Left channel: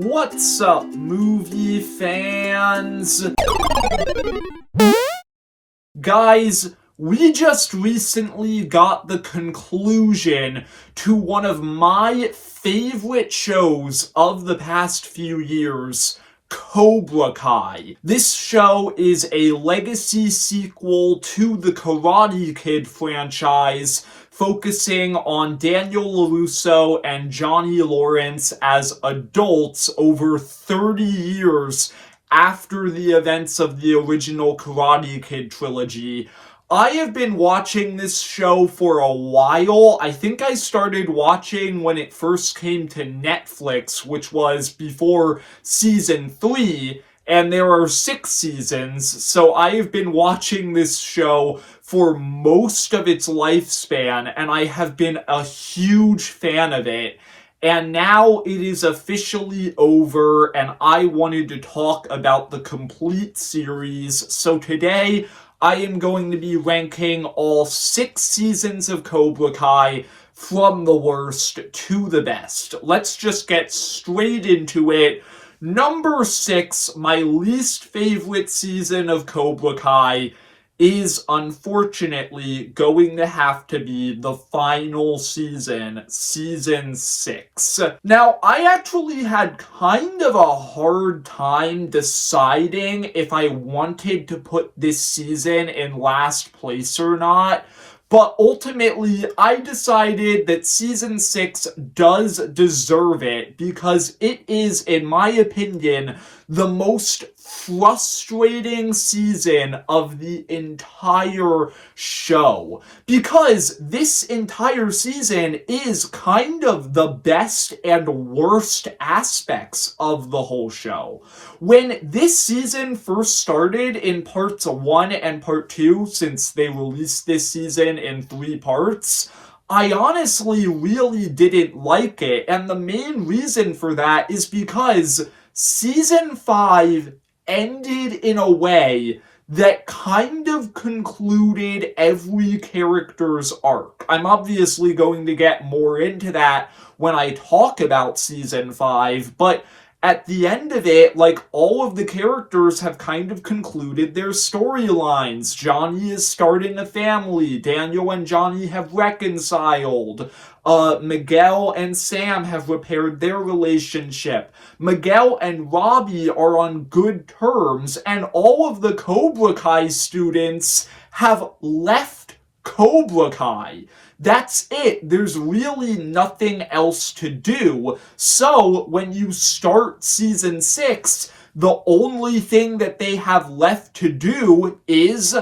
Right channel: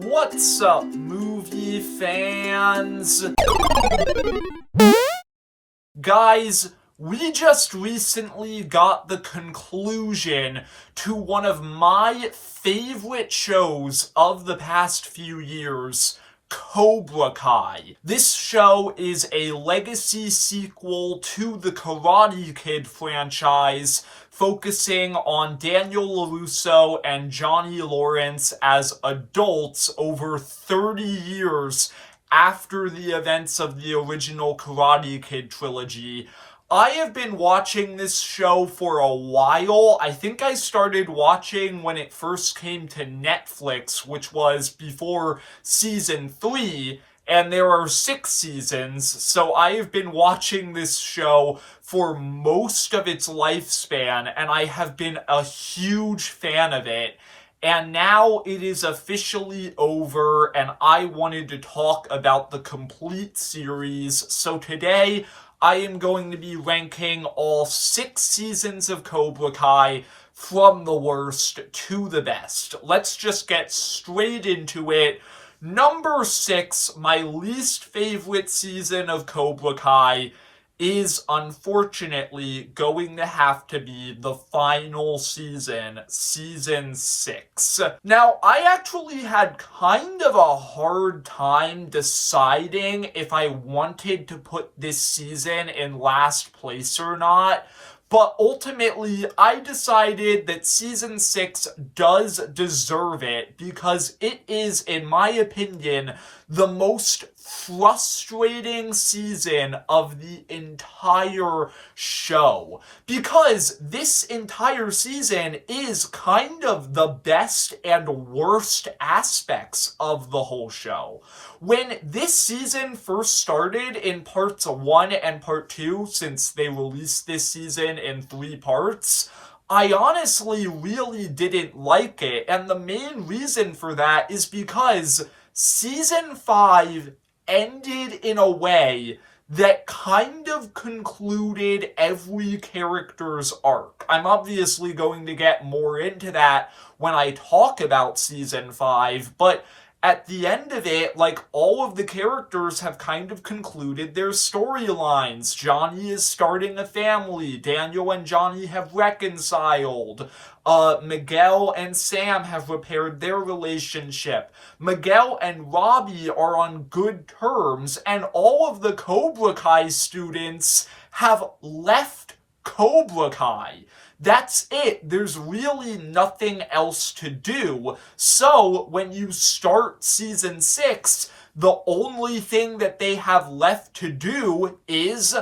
What's up, movie fans? Guys, we just recently got the conclusion to one of my favorite shows of the past few years, Cobra Kai. This show is a legacy sequel to the Karate Kid franchise, focusing on Daniel LaRusso and Johnny Lawrence as adults over 30 years after the events of the original Karate Kid trilogy. I have been watching this show for a while. I think I started watching when it first came to Netflix, which was before season 3, and there are 6 seasons, so I have been watching this show for most of its lifespan, and I have been a huge fan of it. And now it is officially over, and I wanted to talk about the complete series. So today, I am going to be ranking all 6 seasons of Cobra Kai from the worst to the best. Let's just get straight into it. Number 6, my least favorite season of Cobra Kai, is unfortunately going to have to be the final season, season 6. Now, I actually had kind of a hard time deciding if I wanted to put this season in last place or not, but ultimately, I decided that season 6 does deserve it because it is, in my opinion, the most frustrating season of the entire show, because this entire season is kind of the best and worst aspects of the whole show. When this season first started in parts 1 and part 2, since they released this season in 3 parts, I honestly really didn't like it, and the main reason for that is because season 5 ended in a way that kind of concluded every character's arc. I'm obviously going to get more into that when I talk about season 5, but at the end of it, like, all of the characters have kind of concluded their storylines. Johnny is starting a family. Daniel and Johnny have reconciled. Miguel and Sam have repaired their relationship. Miguel and Robbie are on good terms, and all of the Cobra Kai students have left Cobra Kai. That's it. There's really nothing else to do. So when you start season 6, the only thing that they have left to do is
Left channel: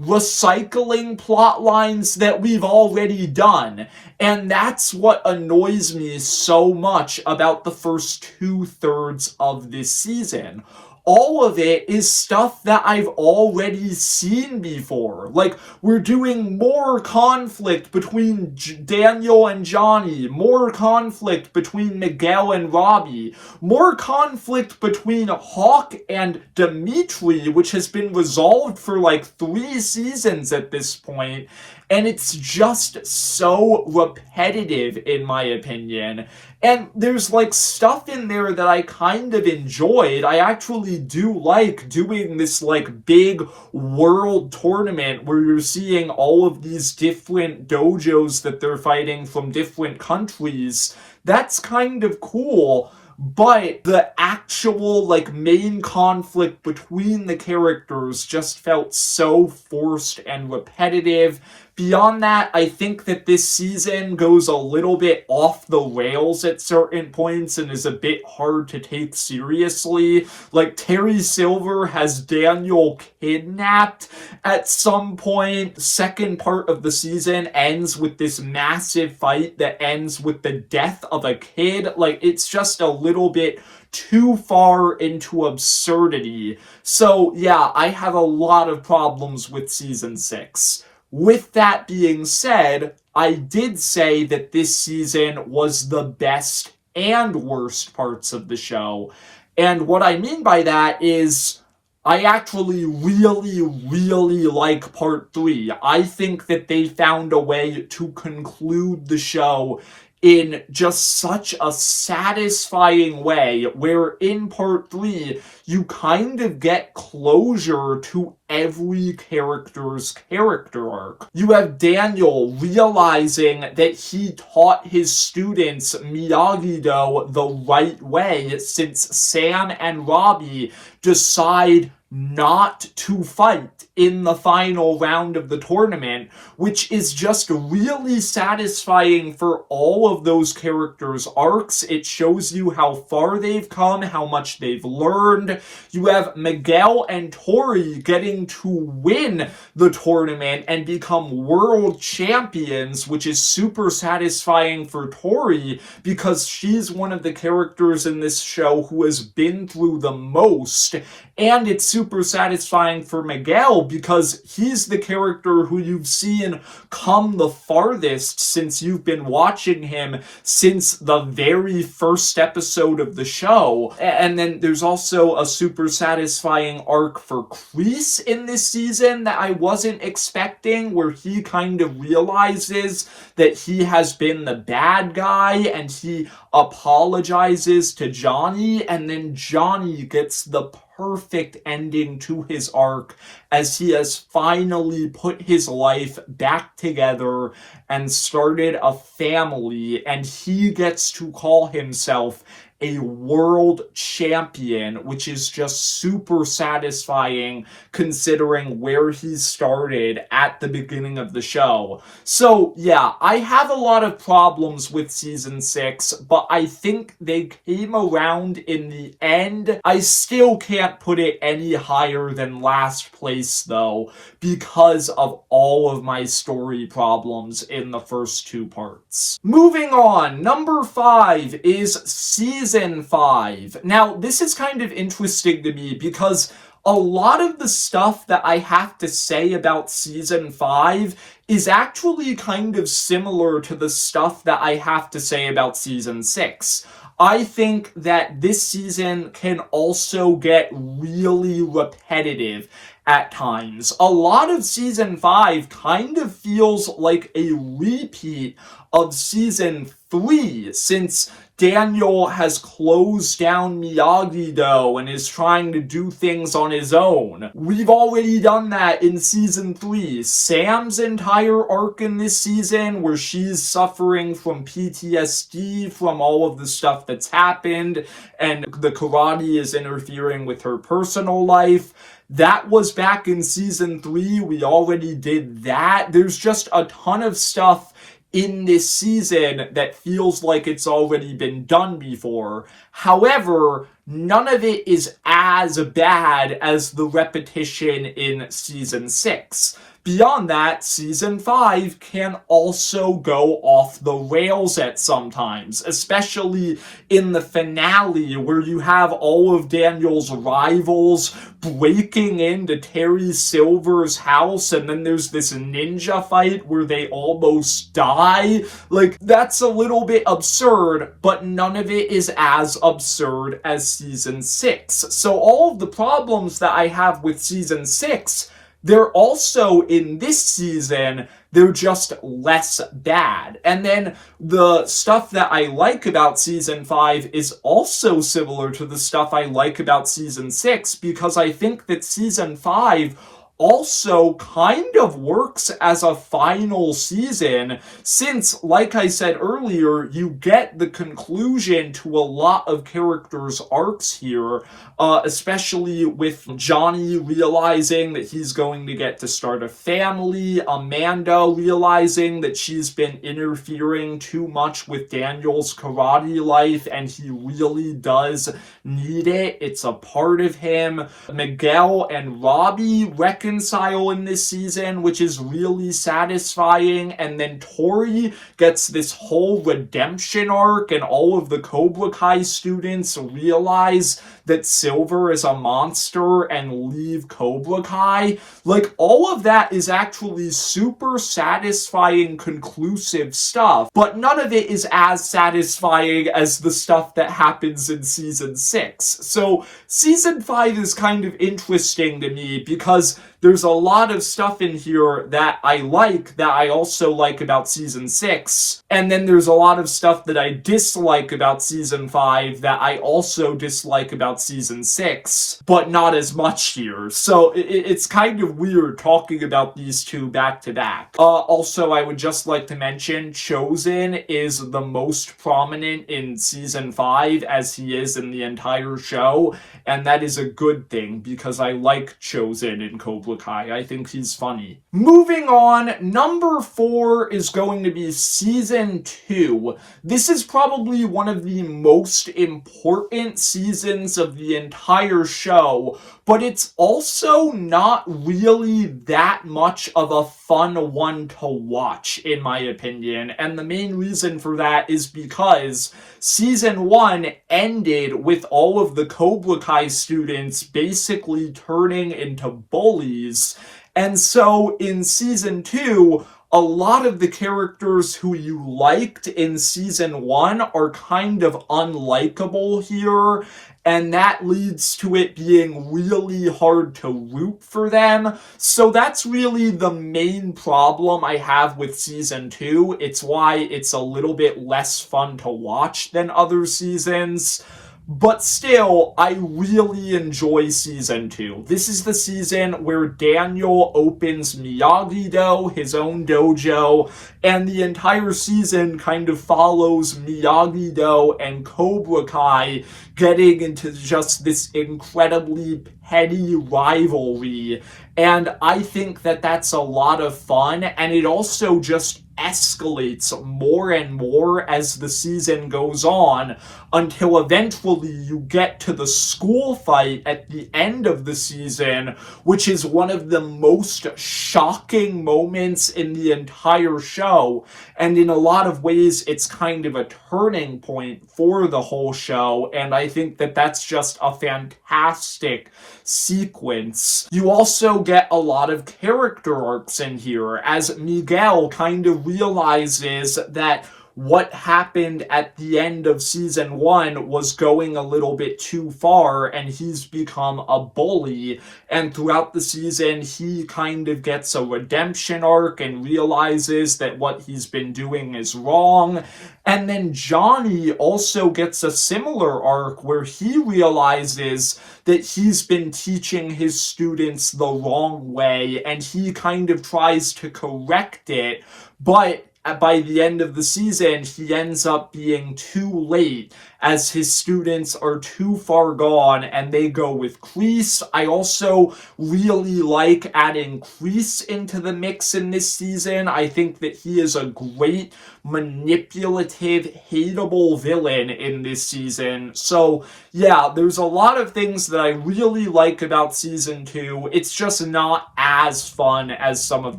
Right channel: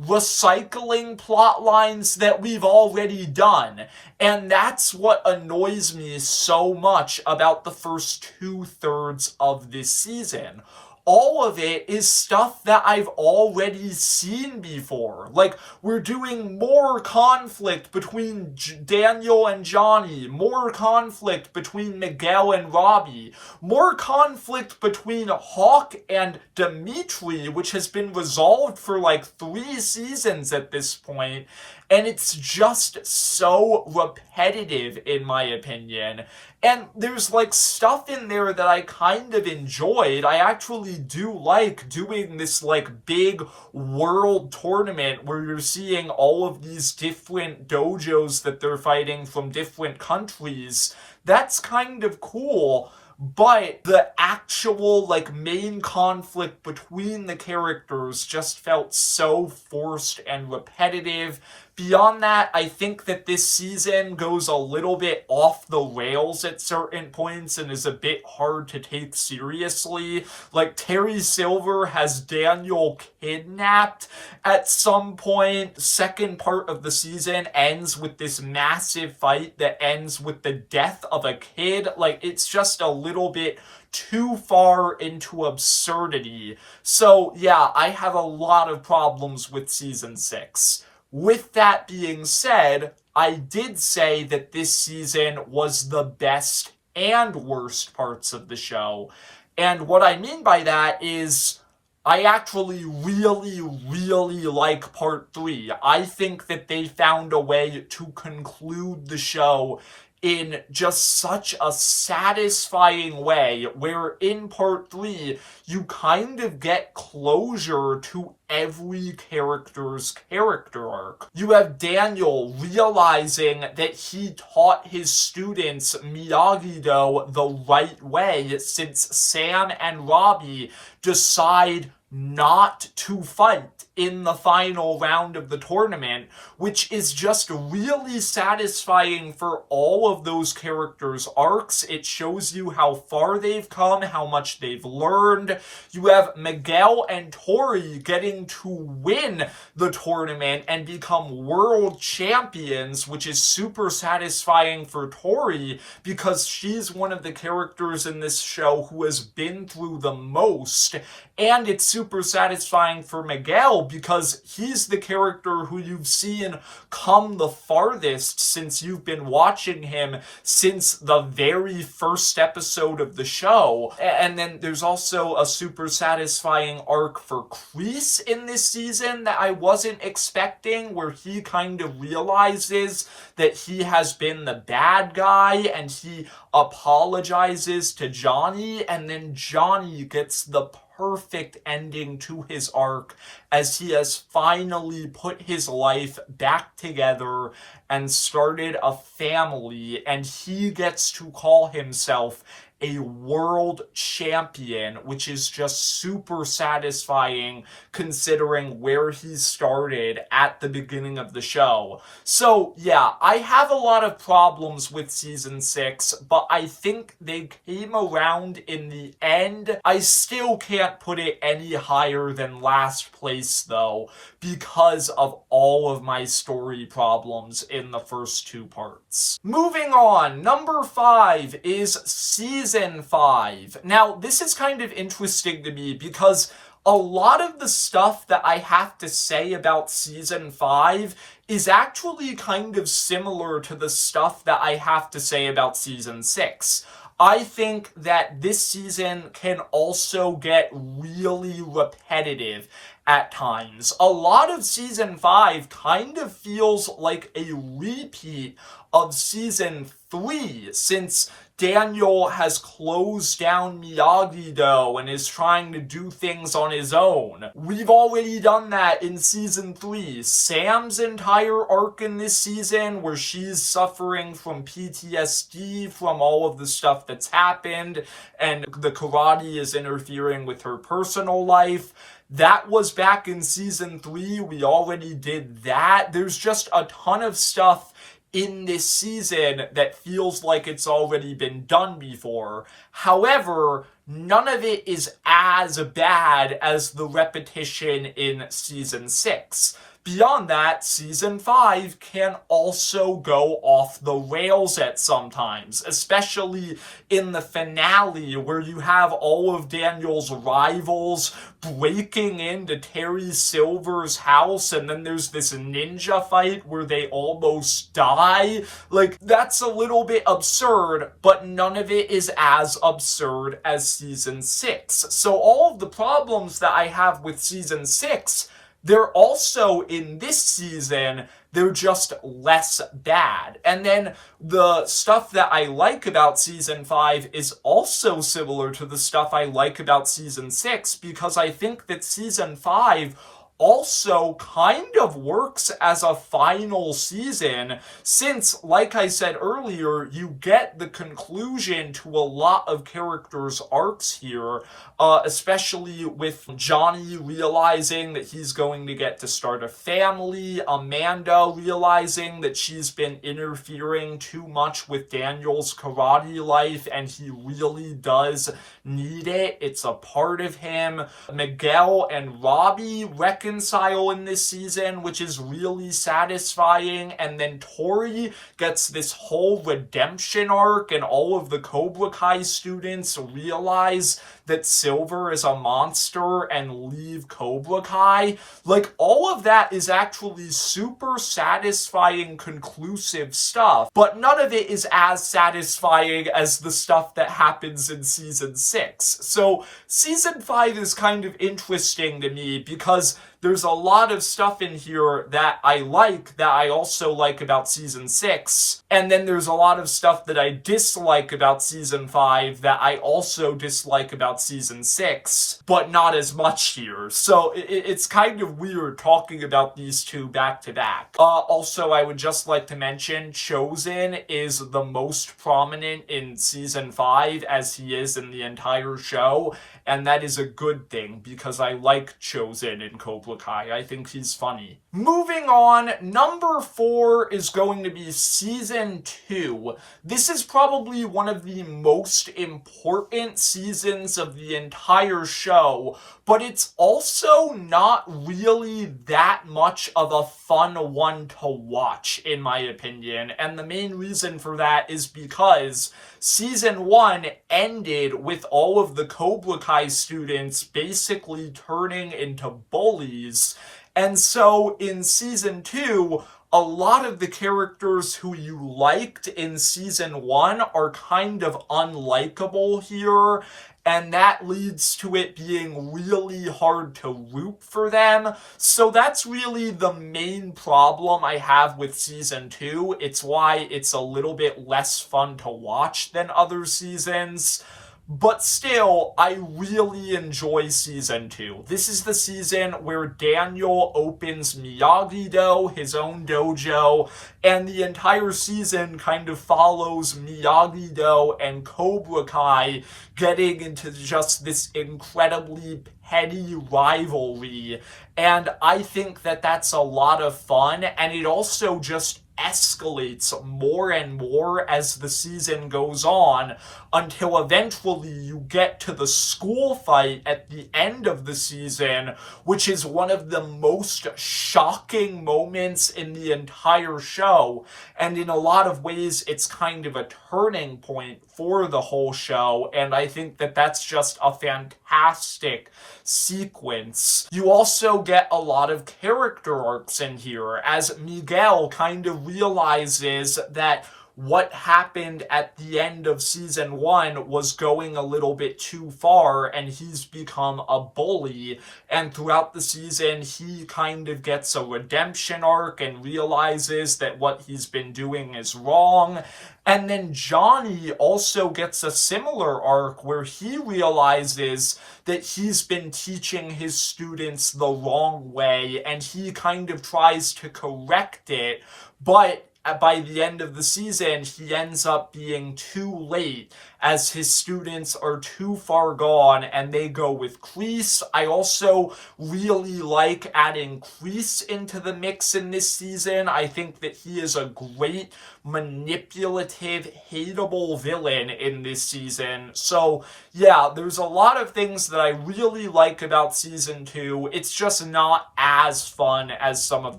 recycling plot lines that we've already done. And that's what annoys me so much about the first 2/3 of this season. All of it is stuff that I've already seen before. Like, we're doing more conflict between Daniel and Johnny, more conflict between Miguel and Robbie, more conflict between Hawk and Dimitri, which has been resolved for like 3 seasons at this point. And it's just so repetitive, in my opinion. And there's like stuff in there that I kind of enjoyed. I actually do like doing this like big world tournament where you're seeing all of these different dojos that they're fighting from different countries. That's kind of cool. But the actual, like, main conflict between the characters just felt so forced and repetitive. Beyond that, I think that this season goes a little bit off the rails at certain points and is a bit hard to take seriously. Like, Terry Silver has Daniel kidnapped at some point. Second part of the season ends with this massive fight that ends with the death of a kid. Like, it's just a little bit too far into absurdity. So, yeah, I have a lot of problems with season 6. With that being said, I did say that this season was the best and worst parts of the show. And what I mean by that is I actually really like part 3. I think that they found a way to conclude the show in just such a satisfying way, where in part 3, you kind of get closure to every character's character arc. You have Daniel realizing that he taught his students Miyagi-Do the right way, since Sam and Robbie decide not to fight in the final round of the tournament, which is just really satisfying for all of those characters' arcs. It shows you how far they've come, how much they've learned. You have Miguel and Tori getting to win the tournament and become world champions, which is super satisfying for Tori because she's one of the characters in this show who has been through the most. And it's super satisfying for Miguel because he's the character who you've seen come the farthest since you've been watching him since the very first episode of the show. And then there's also a super satisfying arc for Kreese in this season that I wasn't expecting, where he kind of realizes that he has been the bad guy and he apologizes to Johnny, and then Johnny gets the perfect ending to his arc as he has finally put his life back together and started a family, and he gets to call himself a world champion, which is just super satisfying considering where he started at the beginning of the show. So yeah, I have a lot of problems with season 6, but I think they came around in the end. I still can't put it any higher than last place though, because of all of my story problems in the first 2 parts. Moving on, number 5 is Season 5. Now, this is kind of interesting to me because a lot of the stuff that I have to say about Season 5 is actually kind of similar to the stuff that I have to say about Season 6. I think that this season can also get really repetitive at times. A lot of Season 5 kind of feels like a repeat of Season 3, since Daniel has closed down Miyagi-Do and is trying to do things on his own. We've already done that in Season 3. Sam's entire arc in this season, where she's suffering from PTSD from all of the stuff that's happened, and the karate is interfering with her personal life. That was back in Season 3. We already did that. There's just a ton of stuff in this season that feels like it's already been done before. However, none of it is as bad as the repetition in Season 6. Beyond that, Season 5 can also go off the rails at sometimes, especially in the finale where you have all of Daniel's rivals breaking into Terry Silver's house, and then there's this ninja fight where they almost die. Like, that's a little bit absurd, but none of it is as absurd as Season 6. So all of the problems that I have with Season 6, they're also in this season, they're just less bad. And then the stuff that I like about Season 5 is also similar to the stuff I like about Season 6, because I think that Season 5 also kind of works as a final season, since, like I said earlier, you get the conclusion to a lot of characters' arcs here, especially with Johnny realizing that he's going to get to start a family, Amanda realizing that she's been interfering too much with Daniel's karate life and he really does need it. It's a part of him. Miguel and Robbie reconcile in this season, which is really satisfying. And then Tori gets this whole redemption arc, and all of the Cobra Kai students realize that Silver is a monster and leave Cobra Kai. Like, all of that is actually super satisfying, conclusive stuff, but none of it is as satisfying as the stuff that happens in Season 6. So Season 5 is kind of interesting to me because there's a lot of stuff in here that I like, that I also like about season 6, and then there's a lot of stuff that I dislike about season 5 that I also dislike about season 6, but not as much here. So it's kind of weird talking about these two back to back. Also, I would just like to mention Chosen is the most prominent in season 5 as he is in the entire show, and that is a good thing because I like Chosen in Cobra Kai. I think he's funny. Moving on, number 4 is going to be season 2. This is probably one of the most important seasons of the entire show, but it's also not really that much of a fun one to watch, in my opinion. And the main reason for that is because season 1 ended with all of the Cobra Kai students basically turning into bullies. And so in season 2, a lot of the characters who you liked in season 1 are kind of unlikable here, and that leads to it being really hard to root for them. So that's really the main problem I have with season 2. It's why it's a little bit less fun to watch than other seasons. But still, I really enjoy season 2. This is the season where Daniel opens Miyagi-Do, his own dojo, and the entire season kind of follows Miyagi-Do and Cobra Kai getting into just this incredibly petty rivalry. And I think that that's a lot of fun, and it also just escalates more and more as the season goes on until eventually you get to the school fight at the end of the season, which is one of the most shocking moments in the entire show. And in a lot of ways, it's kind of a turning point for the whole show, and I think that that's just a fantastic sequence. You also get a lot of character arcs in here, as Miguel kind of realizes that what happened at the end of season 1 was going a little bit too far, and he's become a bully. And throughout the season, he kind of gets a redemption arc and realizes that what he's been doing is wrong. And then Johnny also gets a similar arc where he realizes that he's been teaching his students the wrong way, and he kind of tries to correct it, but by the end of the season, he ends up being too late as his students are too far gone and they go with Kreese. I also really like adding Kreese into the mix in this season. I think that he is a great, manipulative, hateable villain in this season. So yeah, there's a lot of things that I really like about season 2. It's just not as fun as some of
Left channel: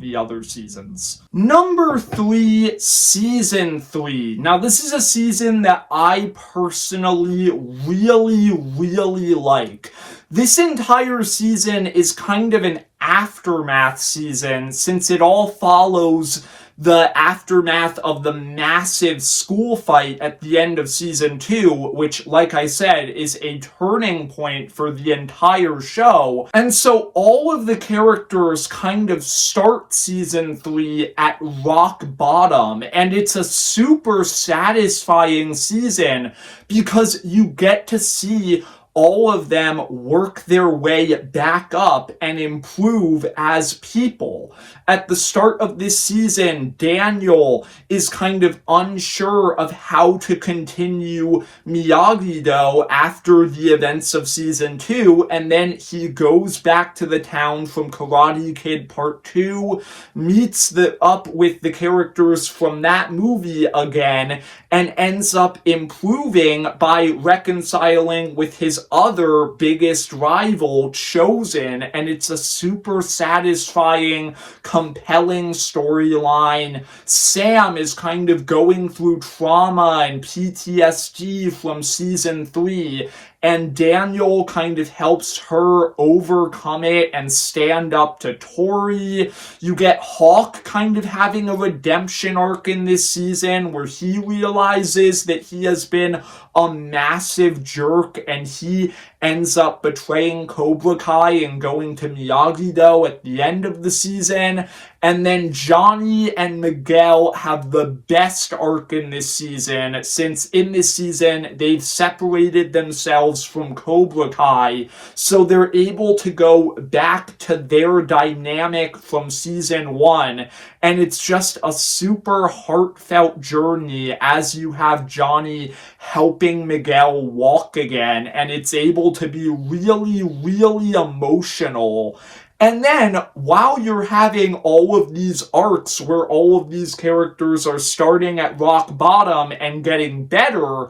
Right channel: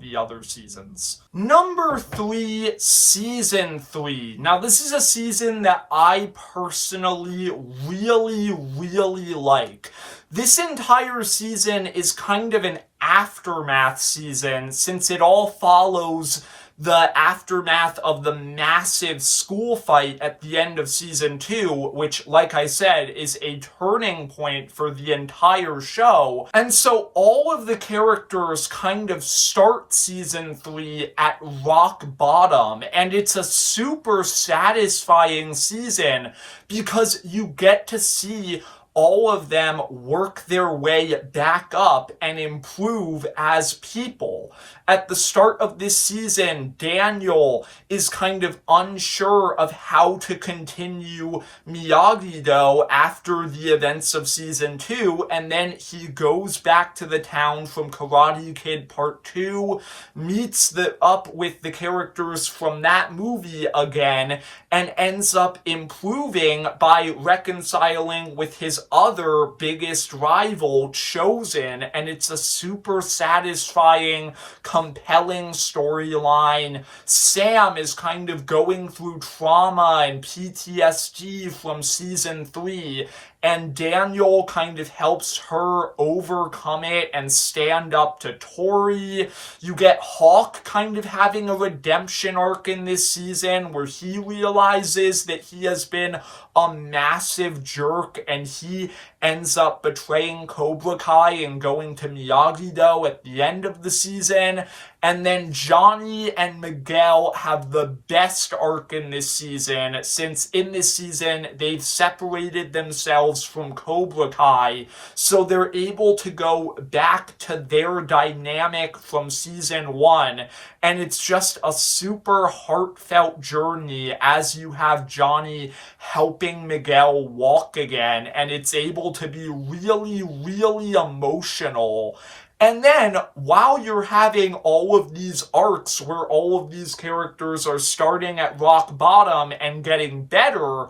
the other seasons. Number 3, season 3. Now this is a season that I personally really like. This entire season is kind of an aftermath season, since it all follows the aftermath of the massive school fight at the end of season 2, which, like I said, is a turning point for the entire show. And so all of the characters kind of start season 3 at rock bottom, and it's a super satisfying season because you get to see all of them work their way back up and improve as people. At the start of this season, Daniel is kind of unsure of how to continue Miyagi-Do after the events of season 2, and then he goes back to the town from Karate Kid Part 2, meets up with the characters from that movie again, and ends up improving by reconciling with his other biggest rival, Chosen, and it's a super satisfying, compelling storyline. Sam is kind of going through trauma and PTSD from season 3, and Daniel kind of helps her overcome it and stand up to Tori. You get Hawk kind of having a redemption arc in this season where he realizes that he has been a massive jerk and he ends up betraying Cobra Kai and going to Miyagi-Do at the end of the season. And then Johnny and Miguel have the best arc in this season, since in this season they've separated themselves from Cobra Kai, so they're able to go back to their dynamic from season 1. And it's just a super heartfelt journey as you have Johnny helping Miguel walk again, and it's able to be really, really emotional. And then, while you're having all of these arcs where all of these characters are starting at rock bottom and getting better,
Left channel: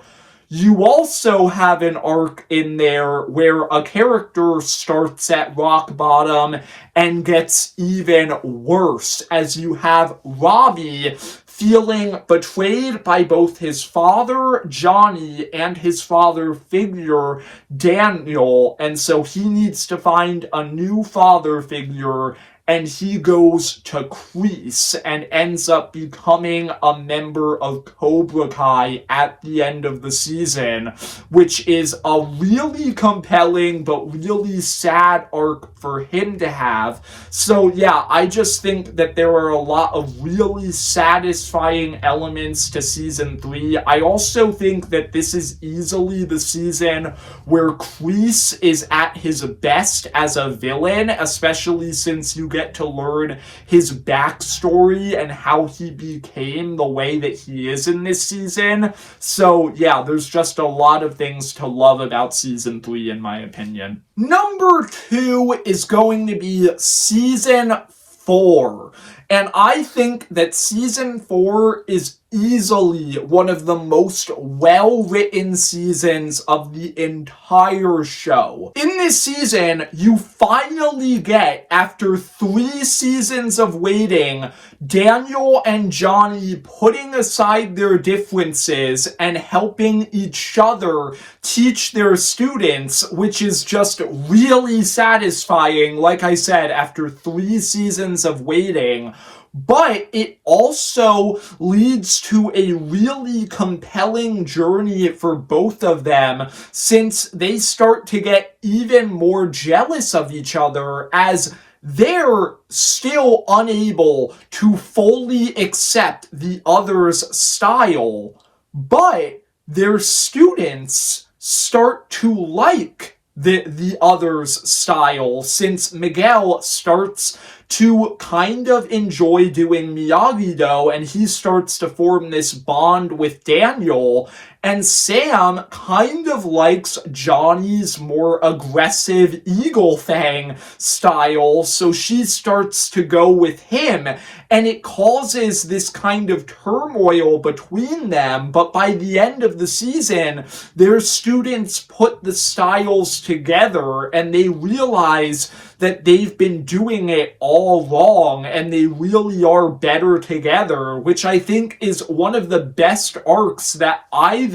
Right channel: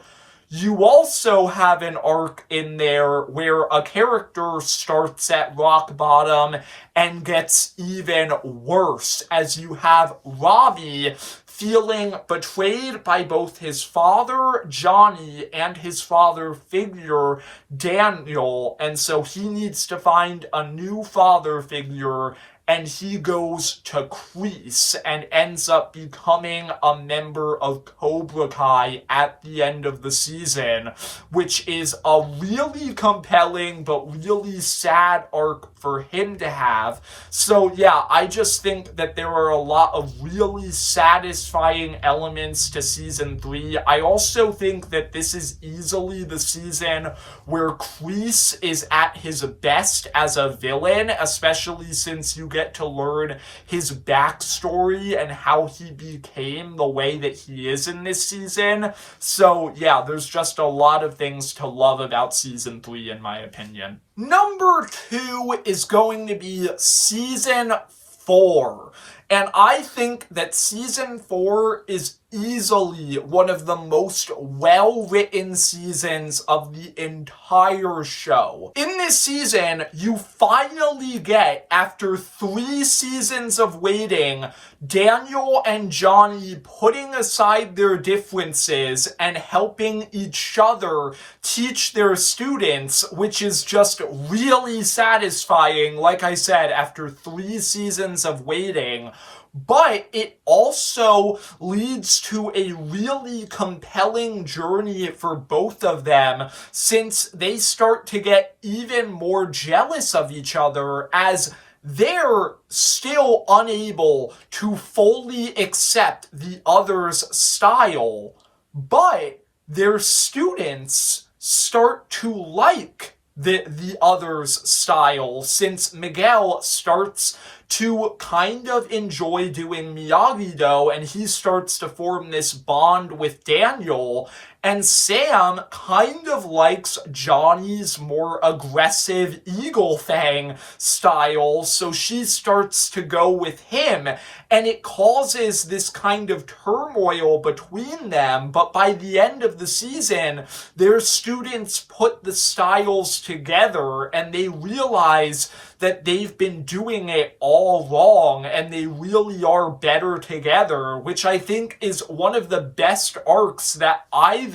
you also have an arc in there where a character starts at rock bottom and gets even worse, as you have Robbie feeling betrayed by both his father, Johnny, and his father figure, Daniel, and so he needs to find a new father figure, and he goes to Kreese and ends up becoming a member of Cobra Kai at the end of the season, which is a really compelling but really sad arc for him to have. So yeah, I just think that there are a lot of really satisfying elements to season 3. I also think that this is easily the season where Kreese is at his best as a villain, especially since you get to learn his backstory and how he became the way that he is in this season. So yeah, there's just a lot of things to love about season 3 in my opinion. Number 2 is going to be season 4. And I think that season 4 is easily one of the most well-written seasons of the entire show. In this season, you finally get, after 3 seasons of waiting, Daniel and Johnny putting aside their differences and helping each other teach their students, which is just really satisfying, like I said, after 3 seasons of waiting. But it also leads to a really compelling journey for both of them, since they start to get even more jealous of each other as they're still unable to fully accept the other's style. But their students start to like the other's style, since Miguel starts to kind of enjoy doing Miyagi-Do, and he starts to form this bond with Daniel, and Sam kind of likes Johnny's more aggressive Eagle Fang style, so she starts to go with him, and it causes this kind of turmoil between them. But by the end of the season, their students put the styles together, and they realize that they've been doing it all wrong, and they really are better together, which I think is one of the best arcs that either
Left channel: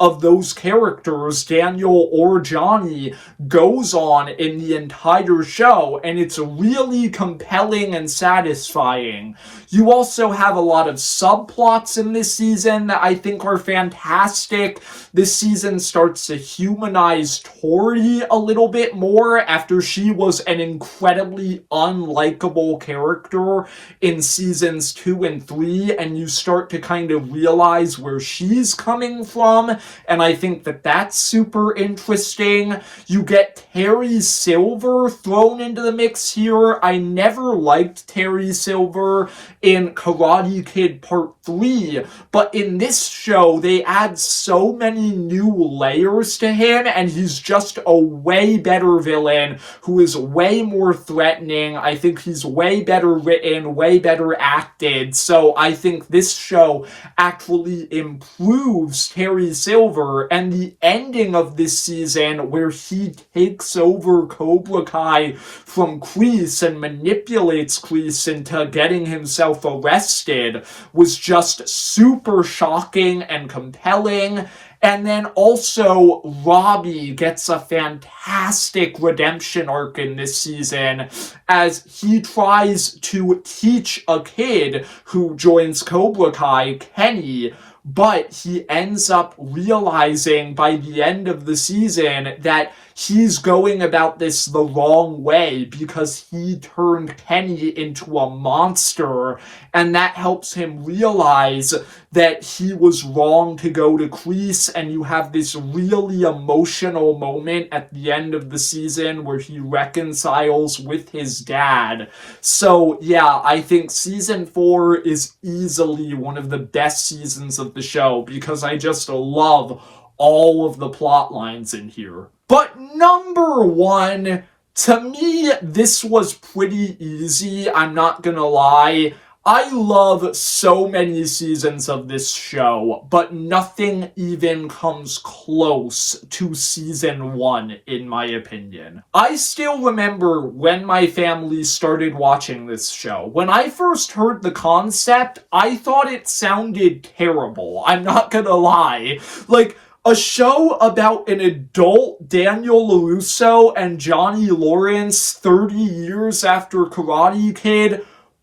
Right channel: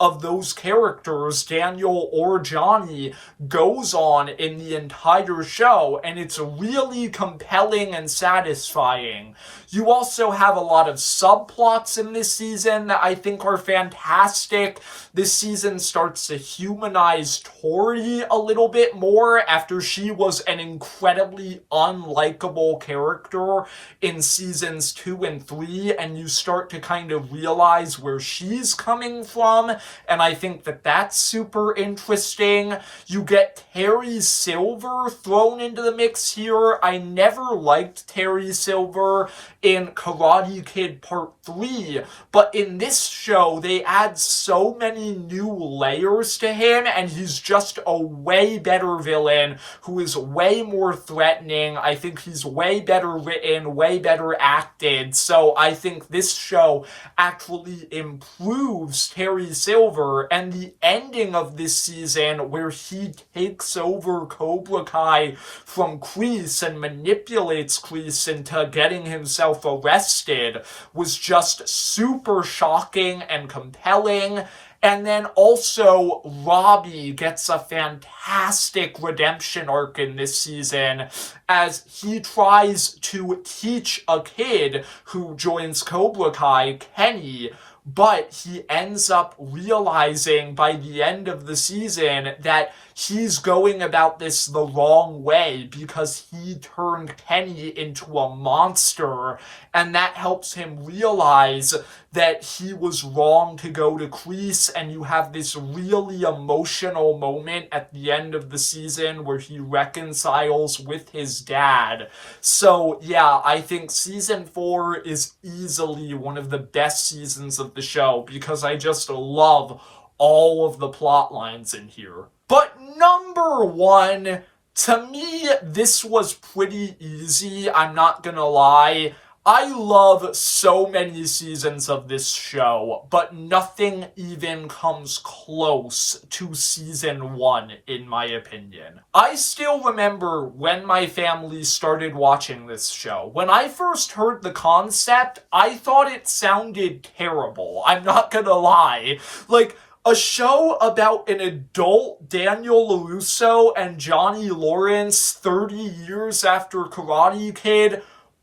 of those characters, Daniel or Johnny, goes on in the entire show, and it's really compelling and satisfying. You also have a lot of subplots in this season that I think are fantastic. This season starts to humanize Tori a little bit more after she was an incredibly unlikable character in seasons 2 and 3, and you start to kind of realize where she's coming from, and I think that that's super interesting. You get Terry Silver thrown into the mix here. I never liked Terry Silver in Karate Kid Part 3, but in this show, they add so many new layers to him, and he's just a way better villain who is way more threatening. I think he's way better written, way better acted, so I think this show actually improves Terry Silver, and the ending of this season where he takes over Cobra Kai from Kreese and manipulates Kreese into getting himself arrested was just super shocking and compelling. And then also, Robbie gets a fantastic redemption arc in this season as he tries to teach a kid who joins Cobra Kai, Kenny, but he ends up realizing by the end of the season that he's going about this the wrong way because he turned Kenny into a monster, and that helps him realize that he was wrong to go to Kreese, and you have this really emotional moment at the end of the season where he reconciles with his dad. So yeah, I think season 4 is easily one of the best seasons of the show because I just love all of the plot lines in here. But number 1, to me, this was pretty easy, I'm not gonna lie. I love so many seasons of this show, but nothing even comes close to season 1, in my opinion. I still remember when my family started watching this show. When I first heard the concept, I thought it sounded terrible. I'm not gonna lie. Like, a show about an adult Daniel LaRusso and Johnny Lawrence 30 years after Karate Kid.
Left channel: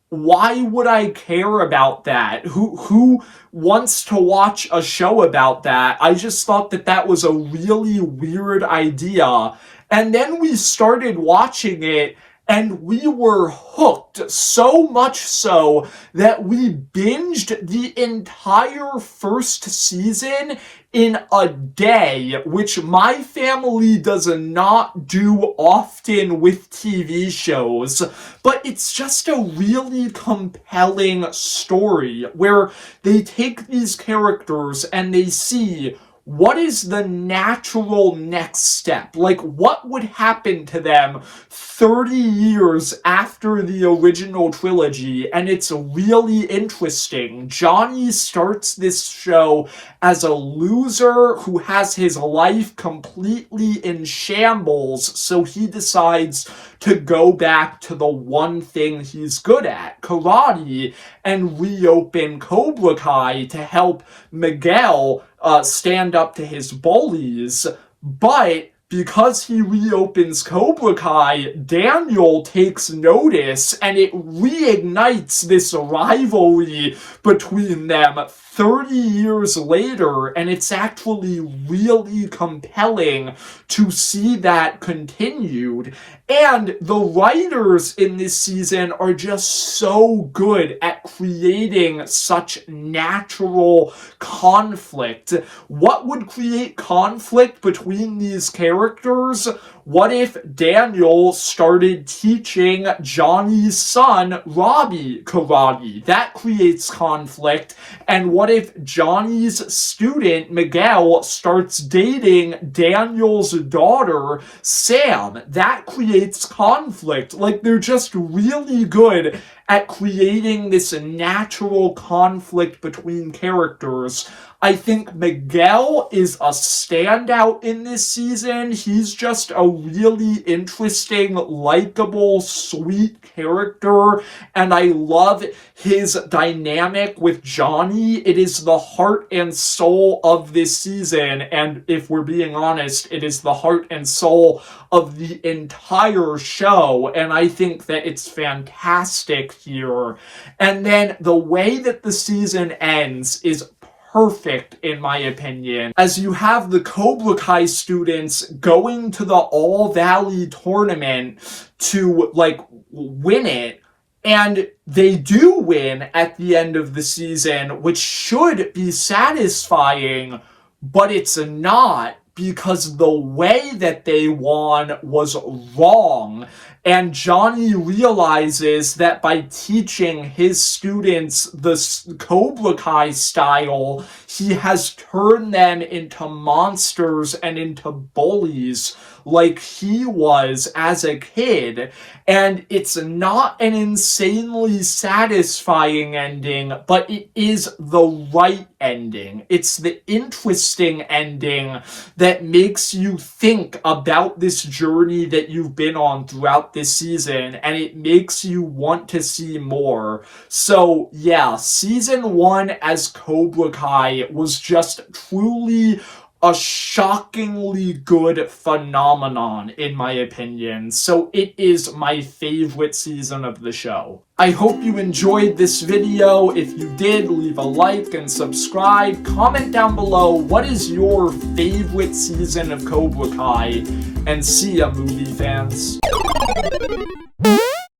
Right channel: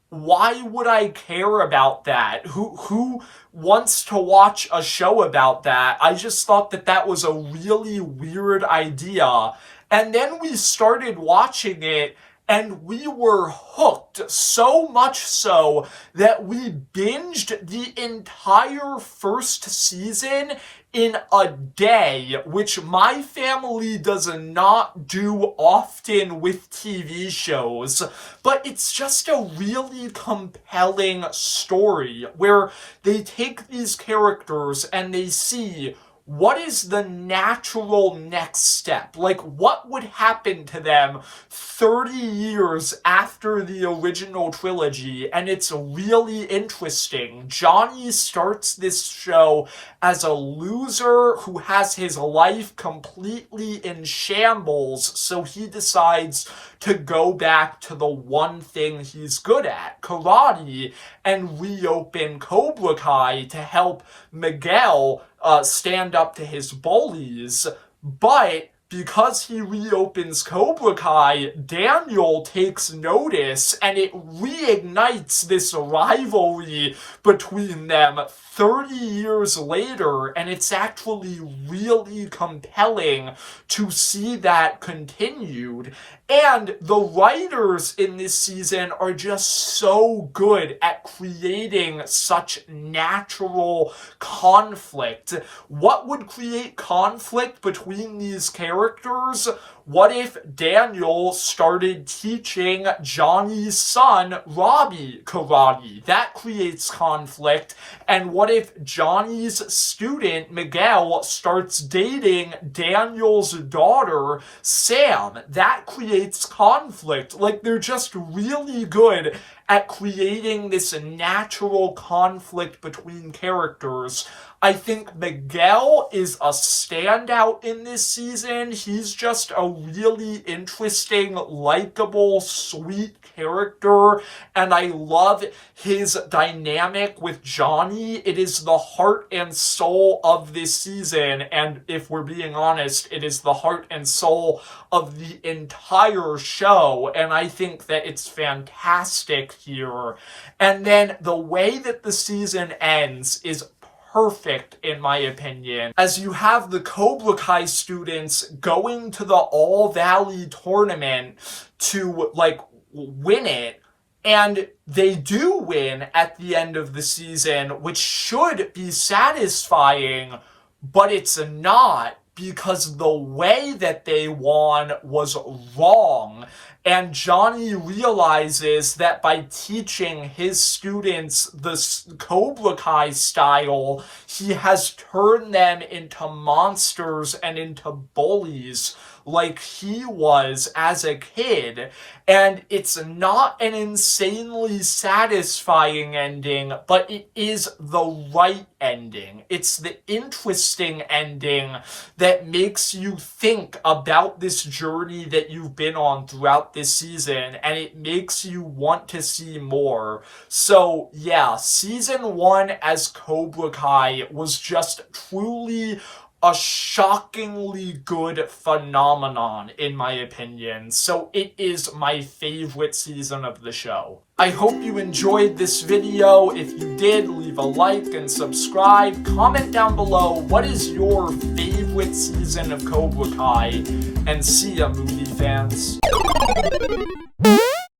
Why would I care about that? Who wants to watch a show about that? I just thought that that was a really weird idea. And then we started watching it, and we were hooked, so much so that we binged the entire first season in a day, which my family does not do often with TV shows. But it's just a really compelling story where they take these characters and they see what is the natural next step? Like, what would happen to them 30 years after the original trilogy? And it's really interesting. Johnny starts this show as a loser who has his life completely in shambles, so he decides to go back to the one thing he's good at, karate, and reopen Cobra Kai to help Miguel stand up to his bullies. But because he reopens Cobra Kai, Daniel takes notice, and it reignites this rivalry between them 30 years later, and it's actually really compelling to see that continued. And the writers in this season are just so good at creating such natural conflict. What would create conflict between these characters? What if Daniel started teaching Johnny's son, Robbie, karate? That creates conflict. And what if Johnny's student, Miguel, starts dating Daniel's daughter, Sam? That creates conflict. Like, they're just really good at creating this natural conflict between characters. I think Miguel is a standout in this season. He's just a really interesting, likable, sweet character, and I love his dynamic with Johnny. It is the heart and soul of this season, and if we're being honest, it is the heart and soul of the entire show, and I think that it's fantastic here. And then the way that the season ends is perfect, in my opinion, as you have the Cobra Kai students going to the All Valley tournament to, like, win it, and they do win at the end of the season, which should be satisfying, but it's not, because the way that they won was wrong. And Johnny realizes that by teaching his students the Cobra Kai style, he has turned them into monsters and into bullies like he was as a kid. And it's not an insanely satisfying ending, but it is the right ending. It's the interesting ending that makes you think about this journey that you've been on throughout this season, and it makes you want to see more. So yeah, season 1 as Cobra Kai was just truly a shockingly good phenomenon, in my opinion. So it is my favorite season of the show. I hope you enjoyed this video. If you did, leave a like and subscribe. Comment down below, what is your favorite season of Cobra Kai? And see ya, movie fans.